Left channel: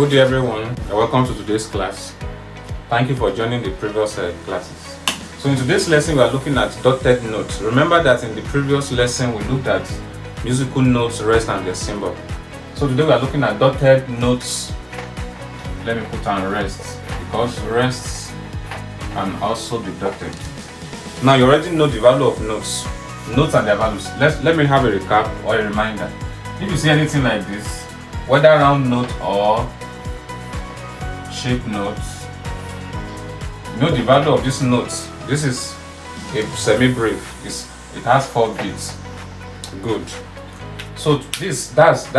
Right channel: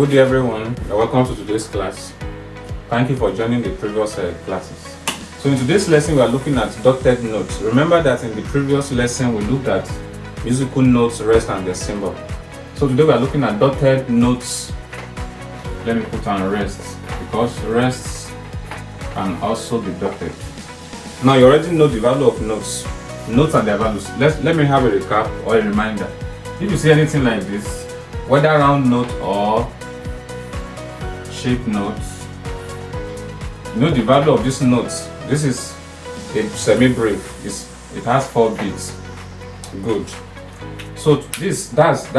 Good day everyone, and welcome to today's class. Thank you for joining the previous classes. So in today's lesson we are looking at dotted notes. Remember that in the previous lesson we looked at musical notes, rest and their symbol. So today we are looking at dotted notes. Let me put on rest because rests can also be dotted. Now you already know the value of notes and their values. Let me have a recap or a reminder. If you see anything like this, whether round note or shape notes, you know the value of these notes. This is a semi-brief. It has 4 beats. Good. So that's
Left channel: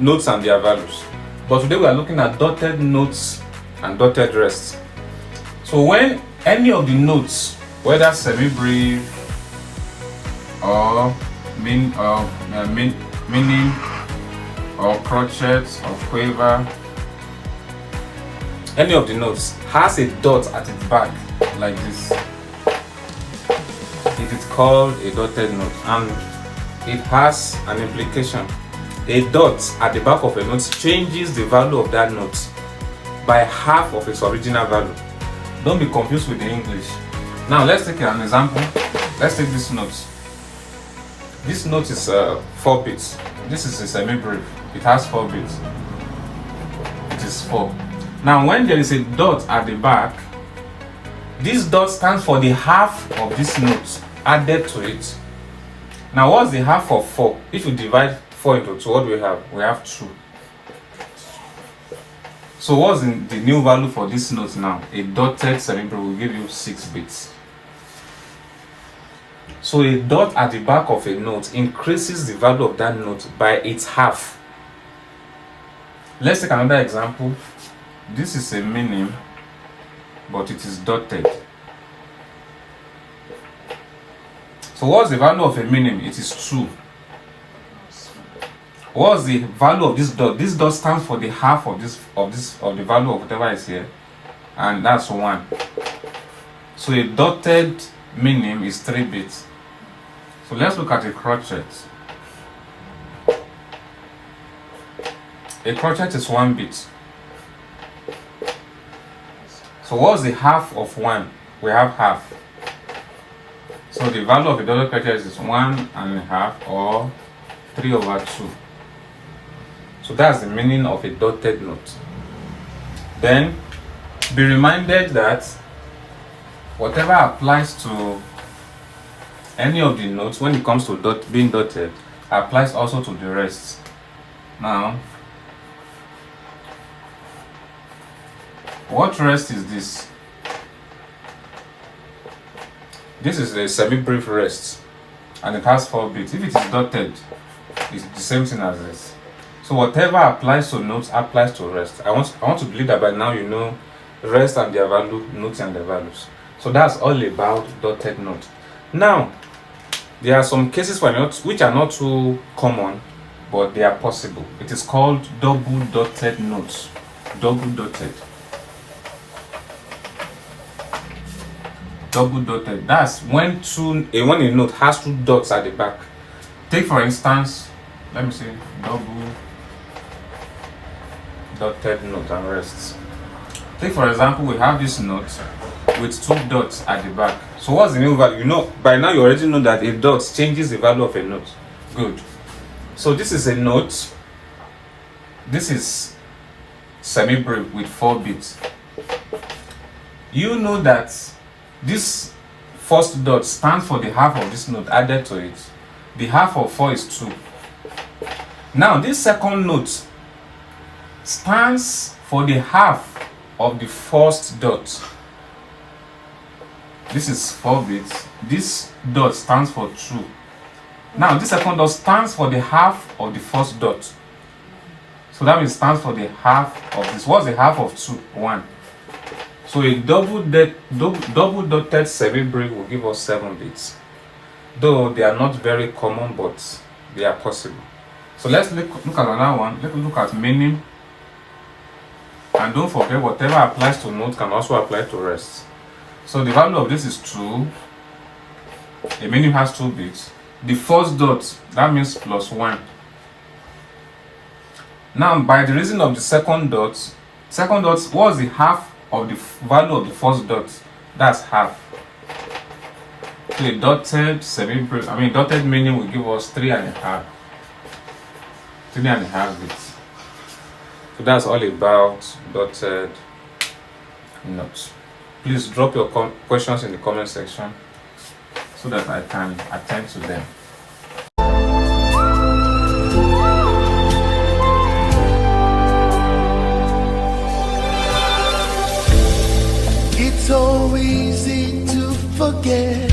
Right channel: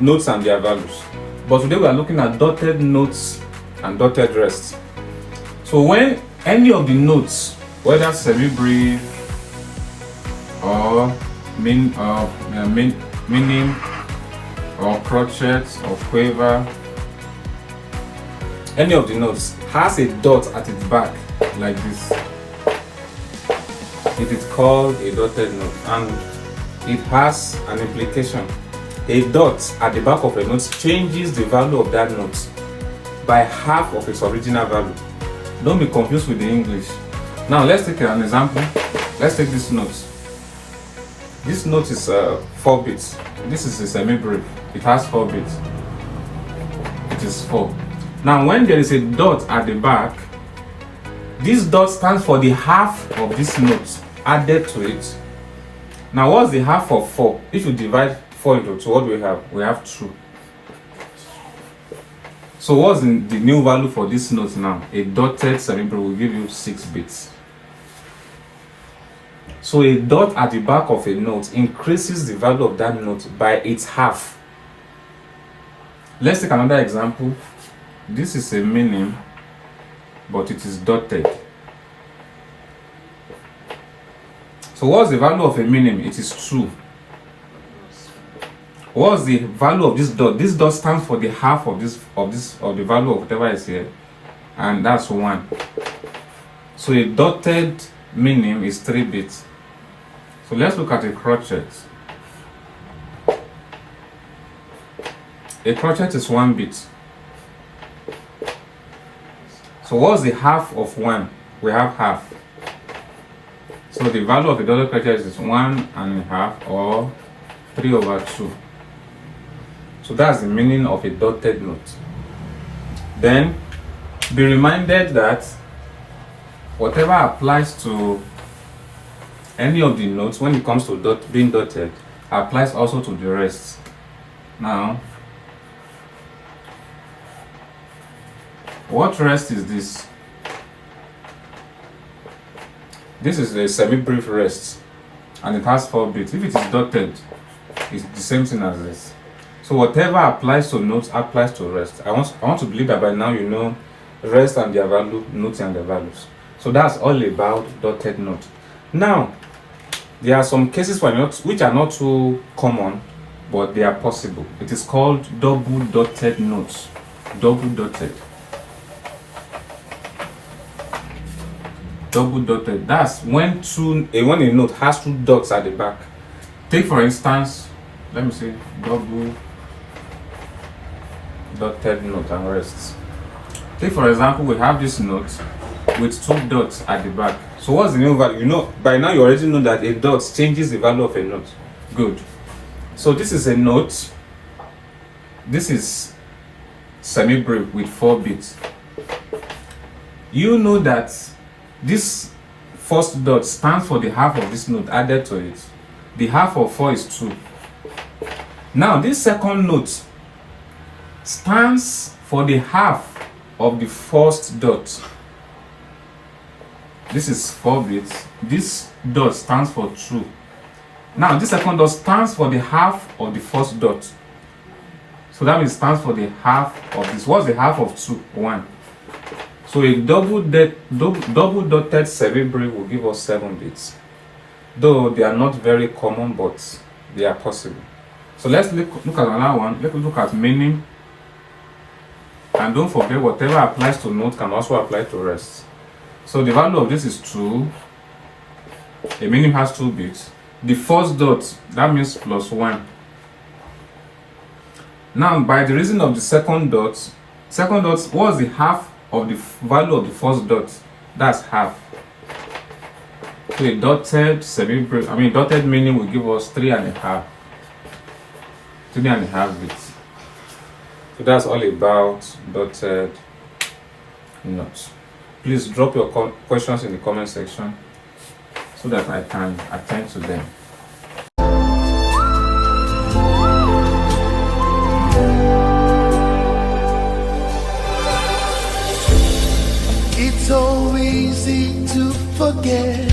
notes and their values. But today we are looking at dotted notes and dotted rests. So when any of the notes, whether semi-brief or meaning or crotchet or quaver, any of the notes has a dot at its back like this, it is called a dotted note, and it has an implication. A dot at the back of a note changes the value of that note by half of its original value. Don't be confused with the English. Now let's take an example. Let's take this note. This note is 4 beats. This is a semi-brief. It has 4 beats. It is 4. Now when there is a dot at the back, this dot stands for the half of this note added to it. Now what's the half of 4? If you divide 4 into 2, what do we have? We have 2. So what's the new value for this note now? A dotted semi-brief will give you 6 beats. So a dot at the back of a note increases the value of that note by its half. Let's take another example. This is a minim, but it is dotted. So what's the value of a minim? It is 2. What's the value of this dot? This dot stands for the half of the value of whatever is here, and that's 1. So a dotted minim is 3 bits. So let's look at a crotchet. A crotchet is 1 bit. So what's the half of 1? We have half. So the value of a dotted crotchet is 1.5 or 3/2. So that's the meaning of a dotted note. Then be reminded that whatever applies to any of the notes when it comes to being dotted applies also to the rest. Now, what rest is this? This is a semi-brief rest and it has 4 beats. If it is dotted, it's the same thing as this. So whatever applies to notes applies to rest. I want to believe that by now you know rest and their value, notes and their values. So that's all about dotted note. Now, there are some cases for notes which are not too common, but they are possible. It is called double dotted notes. Double dotted. Double dotted. That's when a note has 2 dots at the back. Take for instance, let me see, double dotted note and rests. Take for example, we have this note with 2 dots at the back. So what's the new value? You know, by now you already know that a dot changes the value of a note. Good. So this is a note. This is semi-brief with 4 beats. You know that this first dot stands for the half of this note added to it. The half of 4 is 2. Now this second note stands for the half of the first dot. This is 4 bits. This dot stands for 2. Now this second dot stands for the half of the first dot. So that means it stands for the half of this. What's the half of 2? 1. So a double dotted semi-brief will give us 7 bits. Though they are not very common, but they are possible. So let's look at another one. Let's look at minim. And don't forget, whatever applies to note can also apply to rest. So the value of this is 2. The minim has 2 bits. The first dot, that means +1. Now, by the reason of the second dot, what's the half of the value of the first dot? That's half. So a dotted dotted meaning will give us 3.5. 3.5 bits. So that's all about dotted notes. Please drop your questions in the comment section so that I can attend to them. It's so easy to forget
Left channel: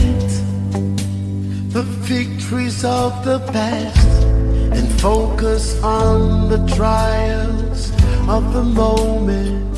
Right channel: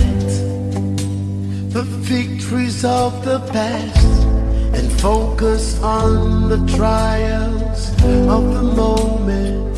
the victories of the past and focus on the trials of the moment.